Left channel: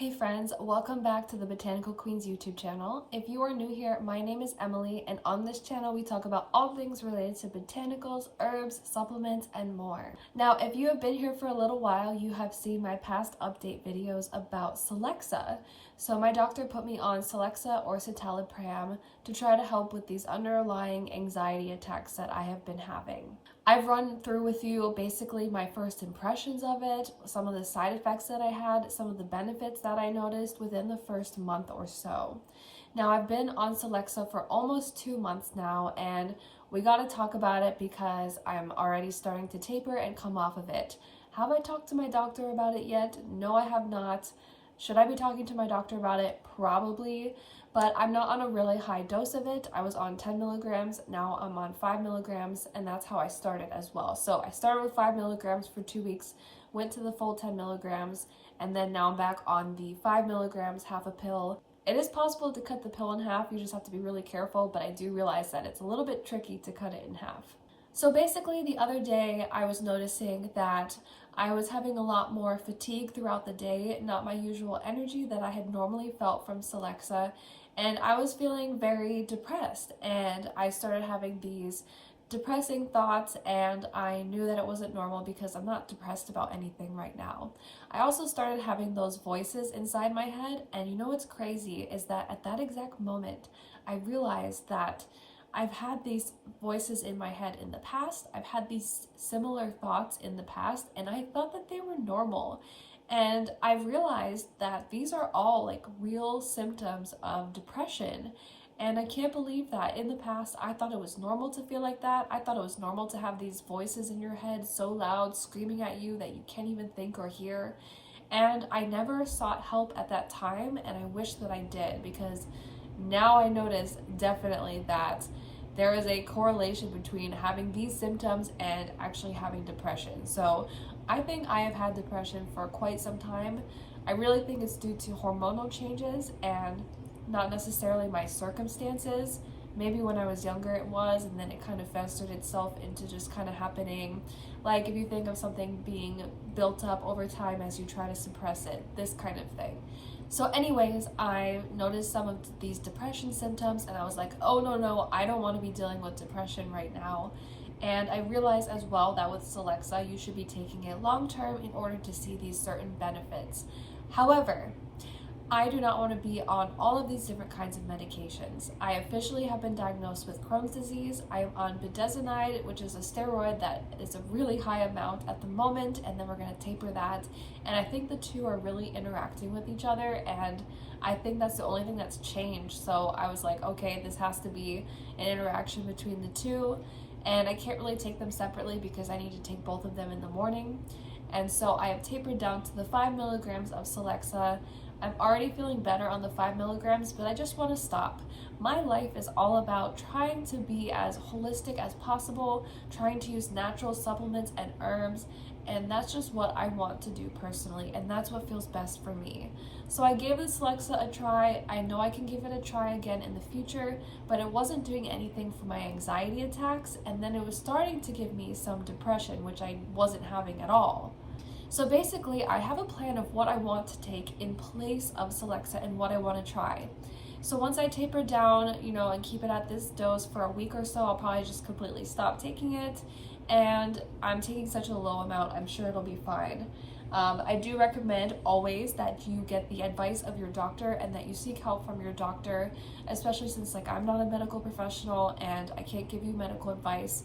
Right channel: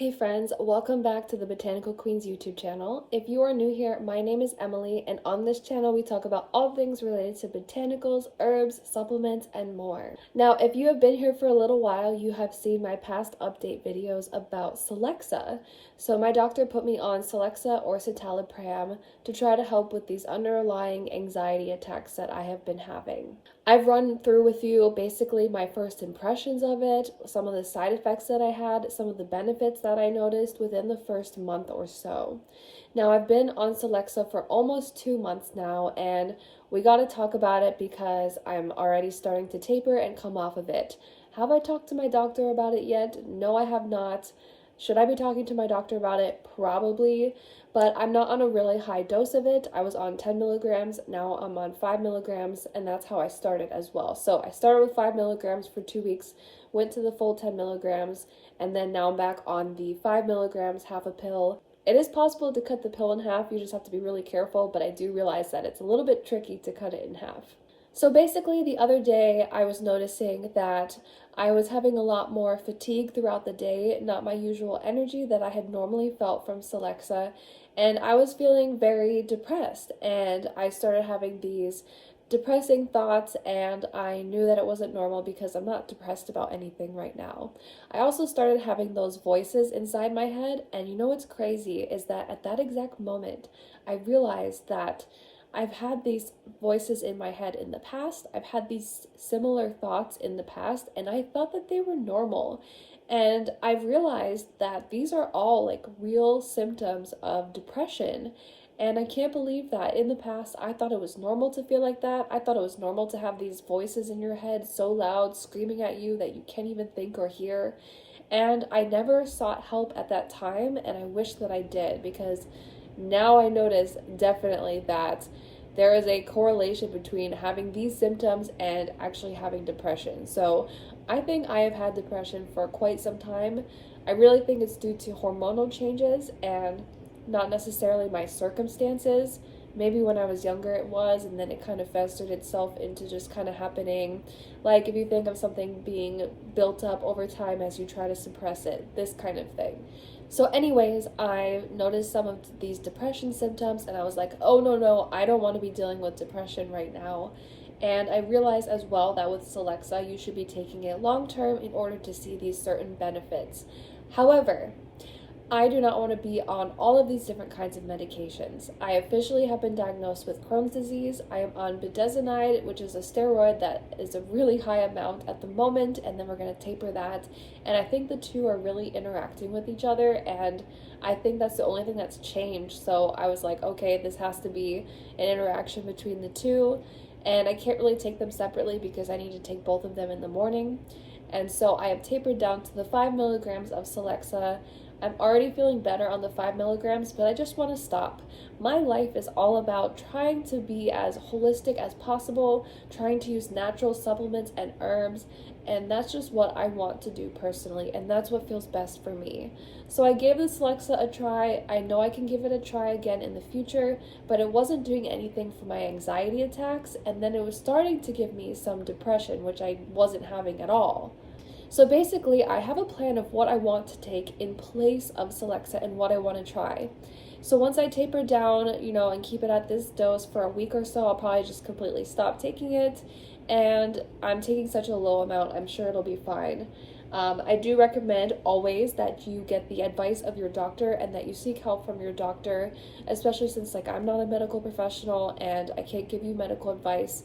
Hey friends, welcome back to the Botanical Queens YouTube channel. If you are new here, my name is Emily, and on this channel we talk about all things related to botanicals, herbs, supplements, and more. Now, if you have been here for a little while, you have seen my past update videos about Celexa. So my doctor put me on Celexa or Citalopram to try to help with these underlying anxiety attacks that I have been having. I've run through with you basically my first impressions of it, some of the side effects that I had, some of the benefits that I noticed within the first month or so. Now, I've been on Celexa for almost 2 months now, and we got to talk about it because I'm already starting to taper and come off of it. Have I talked to my doctor about it yet? No, I have not. Should I be talking to my doctor about it? Probably, but I'm not on a really high dose of it. I was on 10 milligrams, now I'm on 5 milligrams, and that's how I started as well. So I started with 5 milligrams for 2 weeks, went to the full 10 milligrams, and then now I'm back on the 5 milligrams, half a pill. It is possible to cut the pill in half, you just have to be really careful, but I do realize that it's a little bit tricky to cut it in half. So basically, the other day I was noticing that I was having a lot more fatigue throughout the day, not my usual energy that I had normally felt from Celexa, and I was feeling very depressed, and I started having these depressing thoughts, and I knew that it wasn't normal because I'm not depressed about anything right now. I also started having those voices inside my head, and you know what's crazy is that at that exact moment, I realized that I've had these voices in my head in the past. I've had these similar thoughts in the past, and I thought that they were normal. And I've realized that these are all like real symptoms of depression. And I can't believe that in the past, I thought it was normal to feel like that. I thought it was normal to have these voices in your head so loud, screaming at you that you can't even think or hear. And I never sought help at that time, and I wish that I did, because now I notice definitely that there is a correlation between having these symptoms and actually having depression. So I think I have had depression for quite some time. I really think it's due to hormonal changes and not necessarily my circumstances. Maybe when I was younger it was, and then it kind of festered itself into just kind of happening. Like if you think of something being built up over time as you try to suppress it, this kind of thing. So anyways, I noticed some of these depression symptoms, and I was like, oh no, I don't want to be dealing with depression right now. And I realized as well that with Celexa, you should be taking it long term in order to see these certain benefits. However, I do not want to be on all of these different kinds of medications. I officially have been diagnosed with Crohn's disease. I am on budesonide, which is a steroid that is a really high amount at the moment, and then we're going to taper that. And I think the two are really interacting with each other, and I think that's the only thing that's changed. So I was like, okay, this has to be an interaction between the two, and I can't really take them separately because I need to take both of them in the morning. And so I have tapered down to the 5 milligrams of Celexa. I'm already feeling better on the 5 milligrams, but I just want to stop. My life is all about trying to be as holistic as possible, trying to use natural supplements and herbs, and that's just what I want to do personally, and that's what feels best for me. So I gave the Celexa a try. I know I can give it a try again in the future, but it wasn't doing anything for my anxiety attacks, and then it was starting to give me some depression, which I wasn't having at all. So basically, I have a plan of what I want to take in place of Celexa and what I want to try. So once I taper down, and keep it at this dose for a week or so, I'll probably just completely stop taking it. And I'm taking such a low amount, I'm sure it'll be fine. I do recommend always that you get the advice of your doctor and that you seek help from your doctor, especially since I'm not a medical professional and I can't give you medical advice.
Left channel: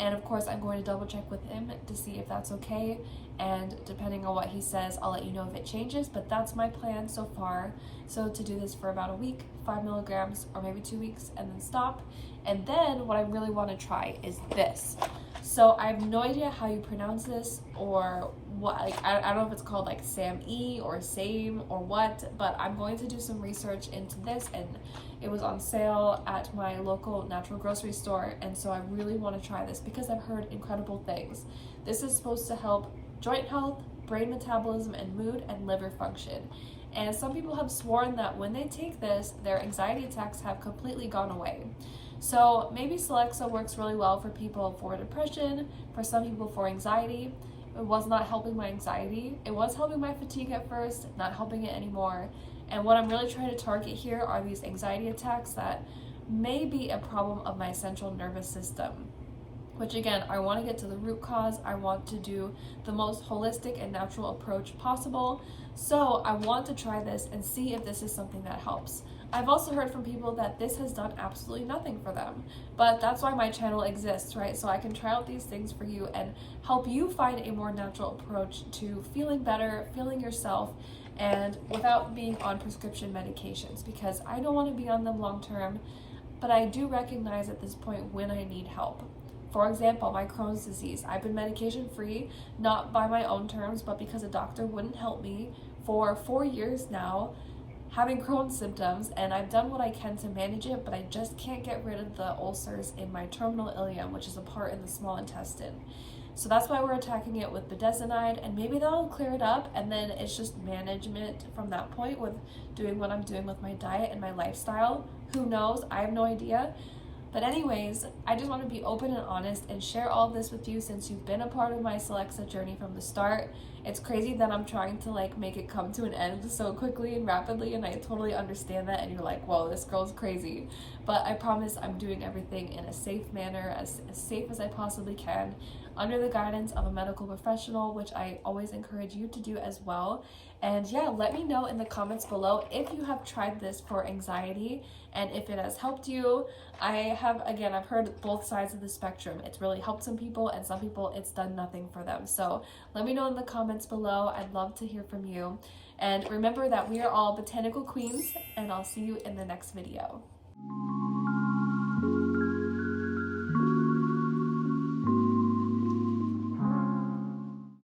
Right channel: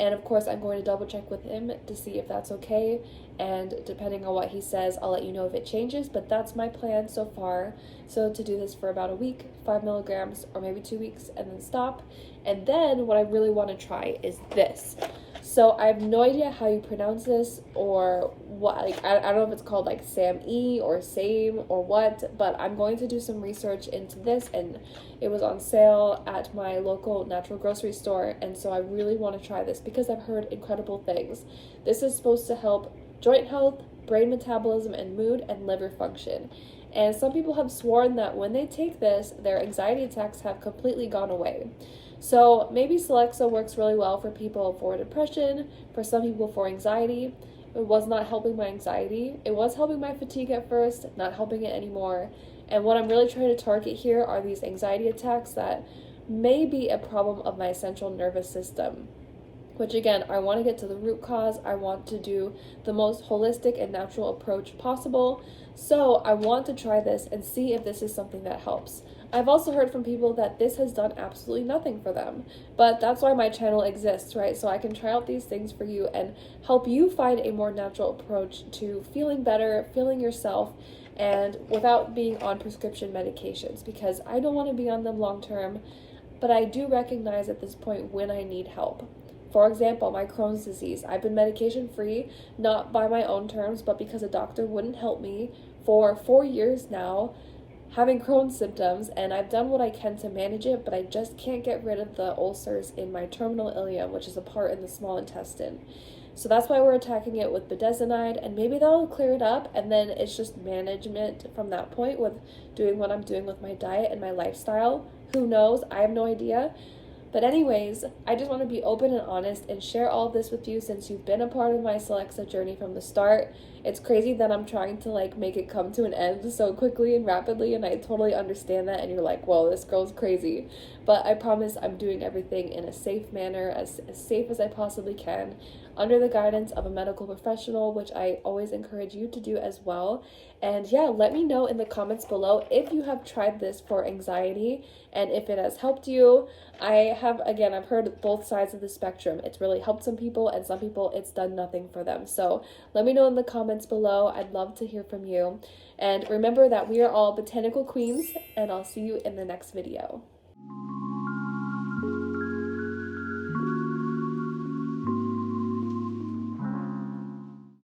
And of course, I'm going to double check with him to see if that's okay. And depending on what he says, I'll let you know if it changes, but that's my plan so far. So to do this for about a week, 5 milligrams, or maybe 2 weeks, and then stop. And then what I really want to try is this. So I have no idea how you pronounce this, or what, I don't know if it's called SAMe or SAME or what, but I'm going to do some research into this, and it was on sale at my local natural grocery store, and so I really want to try this because I've heard incredible things. This is supposed to help joint health, brain metabolism and mood, and liver function. And some people have sworn that when they take this, their anxiety attacks have completely gone away. So maybe Celexa works really well for people for depression, for some people for anxiety. It was not helping my anxiety. It was helping my fatigue at first, not helping it anymore. And what I'm really trying to target here are these anxiety attacks that may be a problem of my central nervous system. Which again, I want to get to the root cause. I want to do the most holistic and natural approach possible. So I want to try this and see if this is something that helps. I've also heard from people that this has done absolutely nothing for them, but that's why my channel exists, right? So I can try out these things for you and help you find a more natural approach to feeling better, feeling yourself, and without being on prescription medications, because I don't want to be on them long term, but I do recognize at this point when I need help. For example, my Crohn's disease, I've been medication free, not by my own terms, but because a doctor wouldn't help me for 4 years now, having Crohn's symptoms, and I've done what I can to manage it, but I just can't get rid of the ulcers in my terminal ileum, which is a part in the small intestine. So that's why we're attacking it with budesonide, and maybe that'll clear it up, and then it's just management from that point with doing what I'm doing with my diet and my lifestyle. Who knows? I have no idea. But anyways, I just want to be open and honest and share all this with you since you've been a part of my Celexa journey from the start. It's crazy that I'm trying to make it come to an end so quickly and rapidly, and I totally understand that, and you're like, whoa, this girl's crazy. But I promise I'm doing everything in a safe manner, as safe as I possibly can, under the guidance of a medical professional, which I always encourage you to do as well. And yeah, let me know in the comments below if you have tried this for anxiety and if it has helped you. I've heard both sides of the spectrum. It's really helped some people, and some people it's done nothing for them. So let me know in the comments below. I'd love to hear from you. And remember that we are all botanical queens, and I'll see you in the next video.